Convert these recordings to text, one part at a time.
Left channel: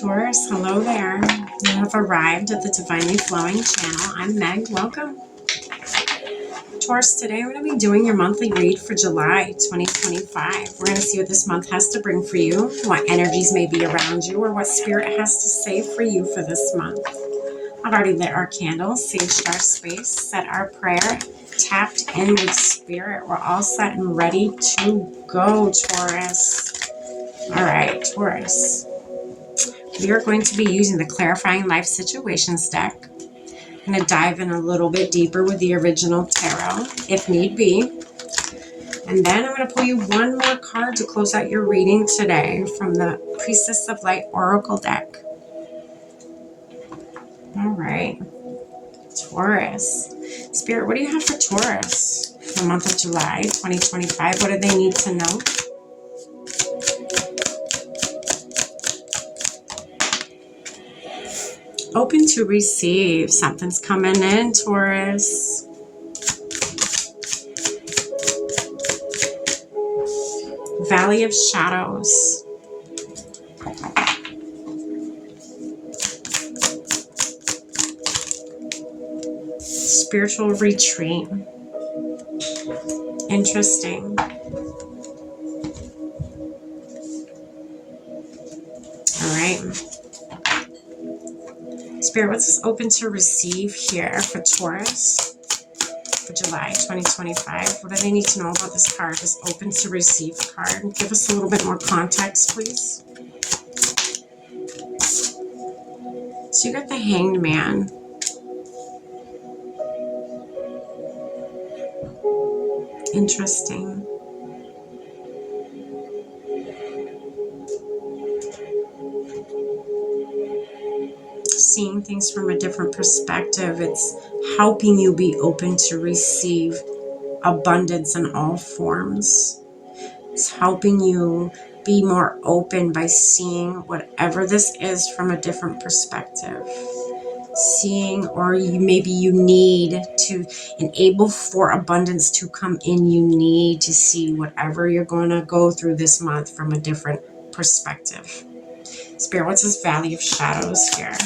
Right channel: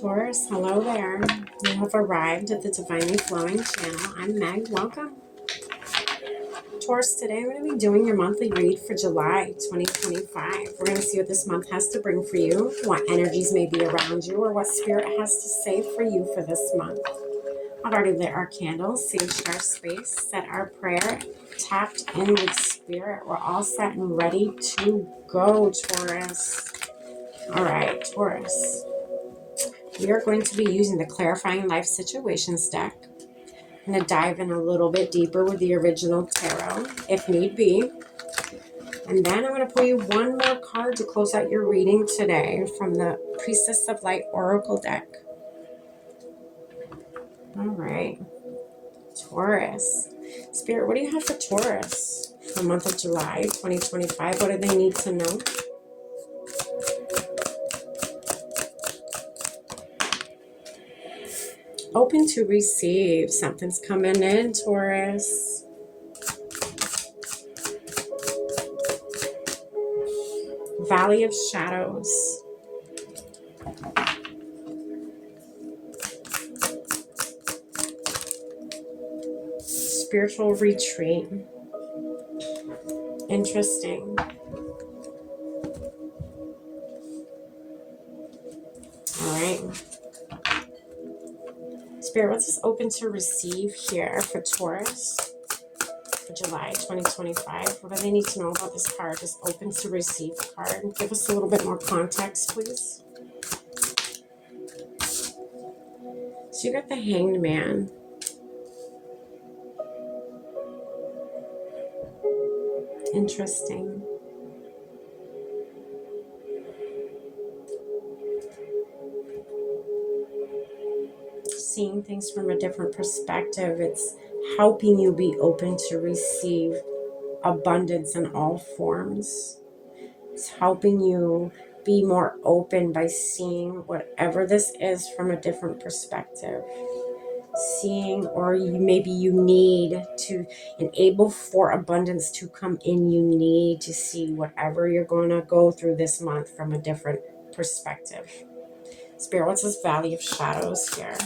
Taurus, hello there. You have arrived at the Divinely Flowing channel. I'm Meg. Welcome. Taurus, today I'm going to be doing your monthly read for July 2025. We're going to see what this month has to bring for you, what energies may be around you, or what Spirit has to say for you for this month. I've already lit our candles, saged our space, said our prayer, tapped in with Spirit. We're all set and ready to go, Taurus. All right, Taurus. We are going to be using the Clarifying Life Situations deck. I'm going to dive in a little bit deeper with the original tarot, if need be. And then I'm going to pull you one more card to close out your reading today from the Priestess of Light Oracle deck. All right. Taurus. Spirit, what do you have for Taurus for the month of July 2025? What do they need to know? Open to receive. Something's coming in, Taurus. Valley of Shadows. Spiritual retreat. Interesting. All right. Spirit, what's this open to receive here for Taurus for July 2025? What do they need to know about this card, this open to receive card? Give us a little bit more context, please. So you got the Hanged Man. Interesting. Seeing things from a different perspective. It's helping you be open to receive abundance in all forms. It's helping you be more open by seeing whatever this is from a different perspective. Seeing, or maybe you need to enable for abundance to come in. You need to see whatever you're going to go through this month from a different perspective. Spirit, what's this Valley of Shadows here?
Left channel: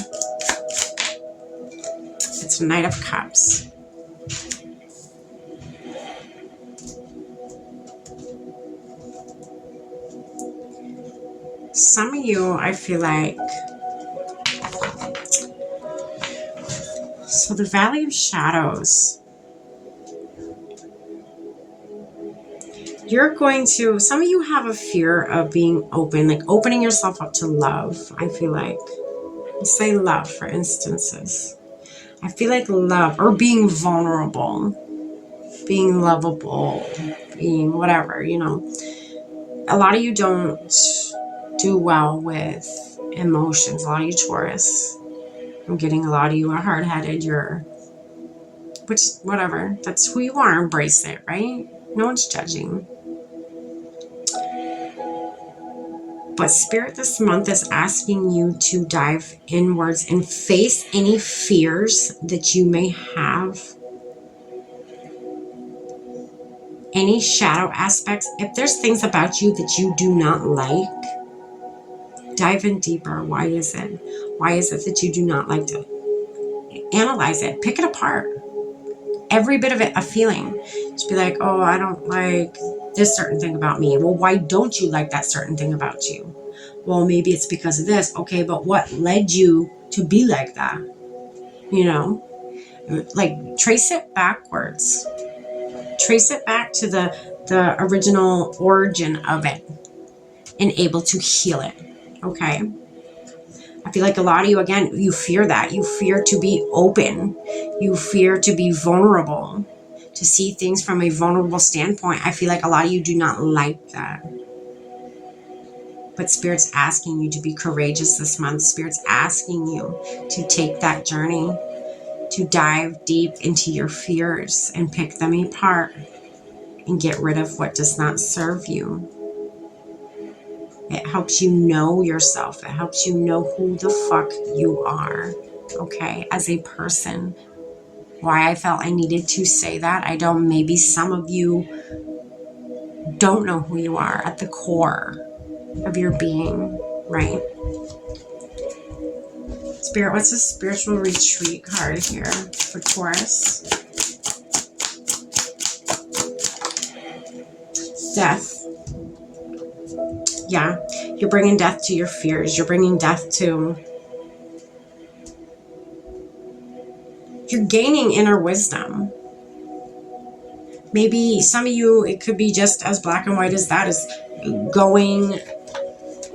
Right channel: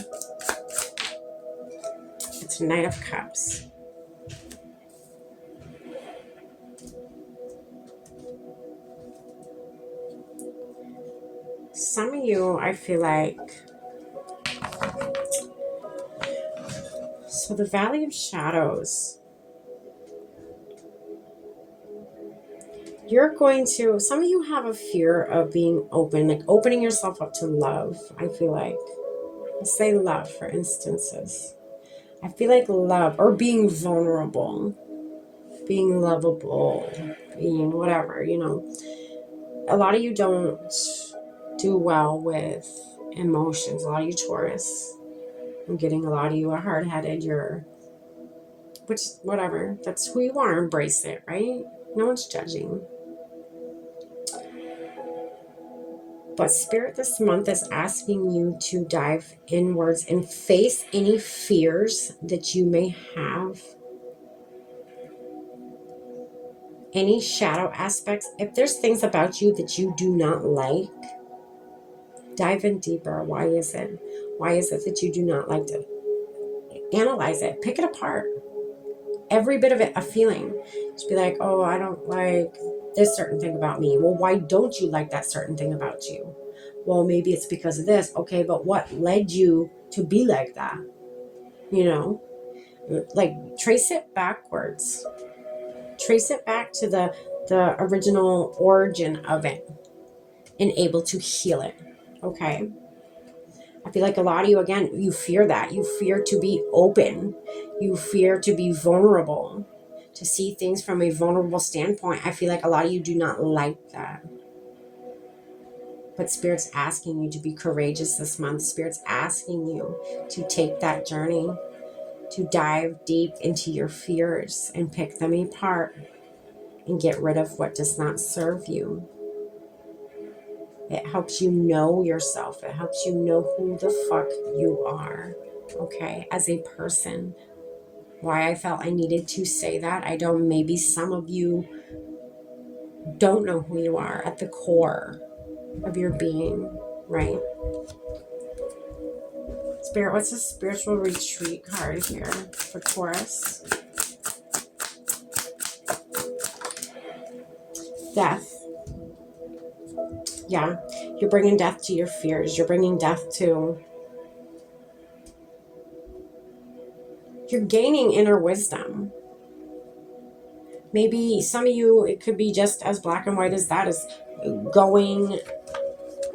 It's Knight of Cups. Some of you, I feel like, so the Valley of Shadows, you're going to, some of you have a fear of being open, like opening yourself up to love. I feel like, let's say love for instances. I feel like love, or being vulnerable, being lovable, being whatever, you know. A lot of you don't do well with emotions. A lot of you Taurus. I'm getting a lot of you are hard-headed. You're, which, whatever. That's who you are. Embrace it, right? No one's judging. But Spirit this month is asking you to dive inwards and face any fears that you may have. Any shadow aspects. If there's things about you that you do not like, dive in deeper. Why is it? Why is it that you do not like to analyze it? Pick it apart. Every bit of it a feeling. Just be like, oh, I don't like this certain thing about me. Well, why don't you like that certain thing about you? Well, maybe it's because of this. Okay, but what led you to be like that? You know, like trace it backwards. Trace it back to the original origin of it and able to heal it. Okay. I feel like a lot of you, again, you fear that. You fear to be open. You fear to be vulnerable, to see things from a vulnerable standpoint. I feel like a lot of you do not like that. But Spirit's asking you to be courageous this month. Spirit's asking you to take that journey, to dive deep into your fears and pick them apart and get rid of what does not serve you. It helps you know yourself. It helps you know who the fuck you are, okay, as a person. Why I felt I needed to say that, I don't, maybe some of you don't know who you are at the core of your being, right? Spirit, what's a spiritual retreat card here for Taurus? Death. Yeah, you're bringing death to your fears. You're bringing death to... You're gaining inner wisdom. Maybe some of you, it could be just as black and white as that, is going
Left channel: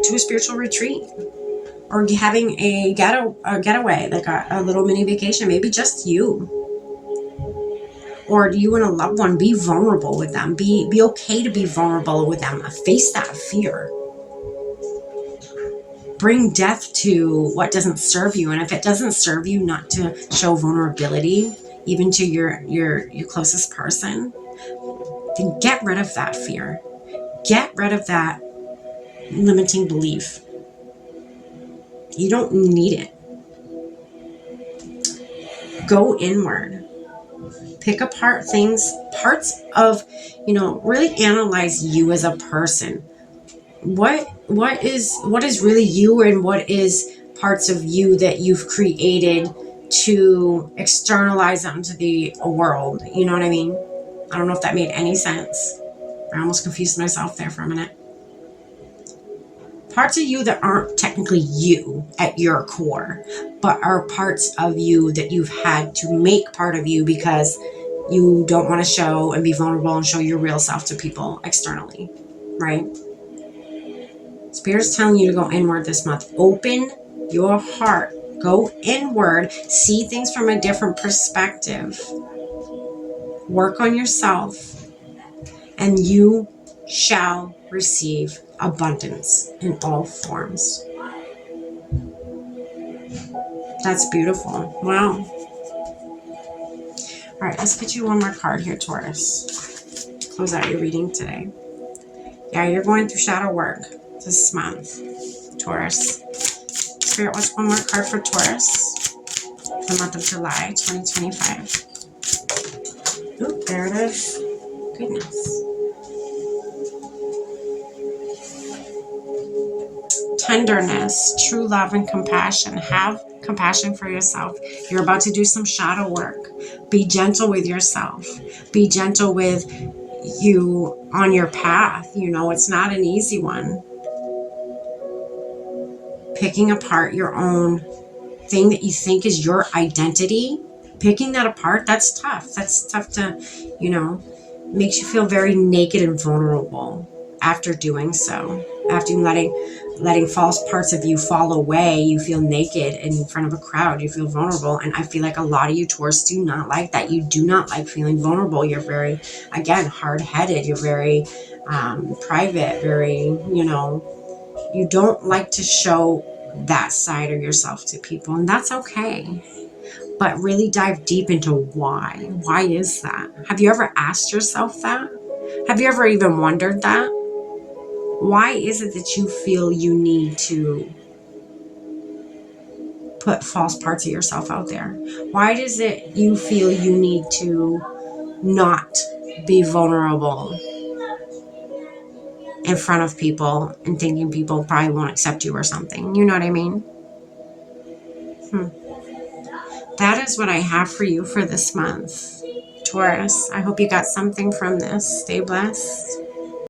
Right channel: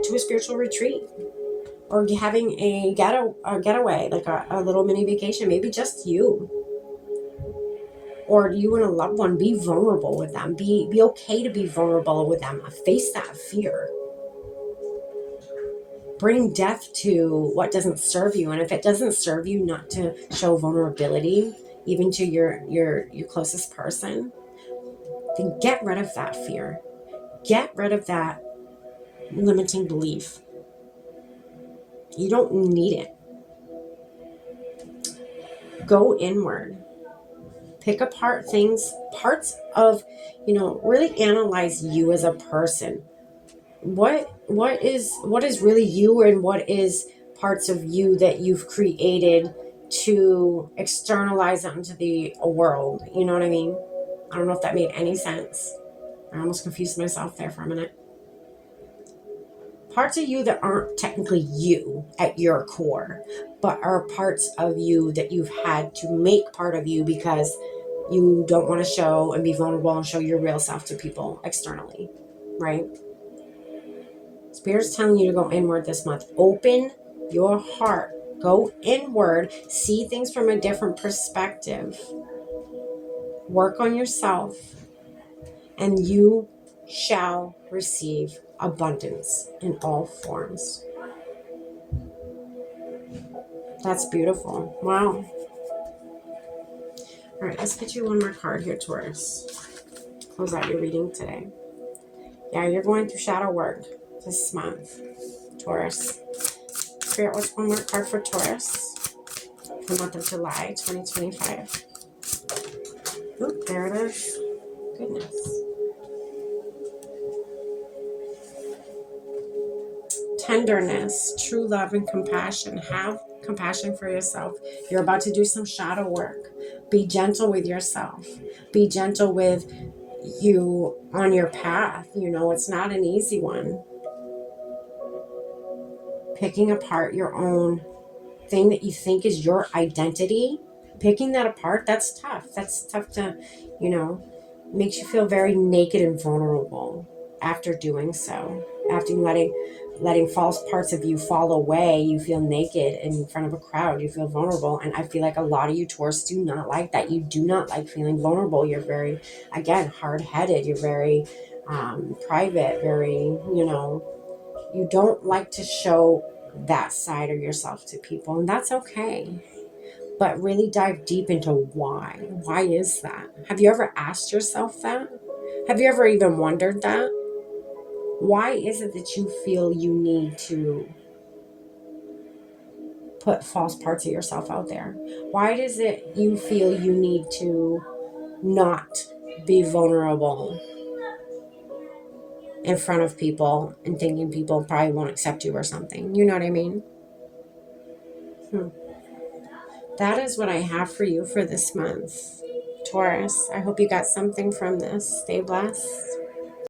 to a spiritual retreat or having a getaway, like a little mini vacation, maybe just you. Or you and a loved one, be vulnerable with them. Be okay to be vulnerable with them. Face that fear. Bring death to what doesn't serve you. And if it doesn't serve you, not to show vulnerability, even to your closest person, then get rid of that fear. Get rid of that limiting belief. You don't need it. Go inward. Pick apart things, parts of, really analyze you as a person. What is really you, and what is parts of you that you've created to externalize onto the world? You know what I mean? I don't know if that made any sense. I almost confused myself there for a minute. Parts of you that aren't technically you at your core, but are parts of you that you've had to make part of you because you don't want to show and be vulnerable and show your real self to people externally, right? Spirit's telling you to go inward this month. Open your heart. Go inward. See things from a different perspective. Work on yourself, and you shall receive abundance in all forms. That's beautiful. Wow. All right, let's get you one more card here, Taurus. Close out your reading today. Yeah, you're going through shadow work this month, Taurus. Spirit, what's one more card for Taurus? The month of July, 2025. Oh, there it is. Goodness. Tenderness, true love, and compassion. Have compassion for yourself. You're about to do some shadow work. Be gentle with yourself. Be gentle with you on your path. It's not an easy one. Picking apart your own thing that you think is your identity, picking that apart, that's tough. That's tough to, makes you feel very naked and vulnerable after doing so. After letting false parts of you fall away, you feel naked in front of a crowd. You feel vulnerable. And I feel like a lot of you Taurus do not like that. You do not like feeling vulnerable. You're very, again, hard-headed. You're very private, very, you don't like to show that side of yourself to people, and that's okay. But really dive deep into why. Why is that? Have you ever asked yourself that? Have you ever even wondered that? Why is it that you feel you need to put false parts of yourself out there? Why does it you feel you need to not be vulnerable in front of people and thinking people probably won't accept you or something? You know what I mean? That is what I have for you for this month, Taurus. I hope you got something from this. Stay blessed.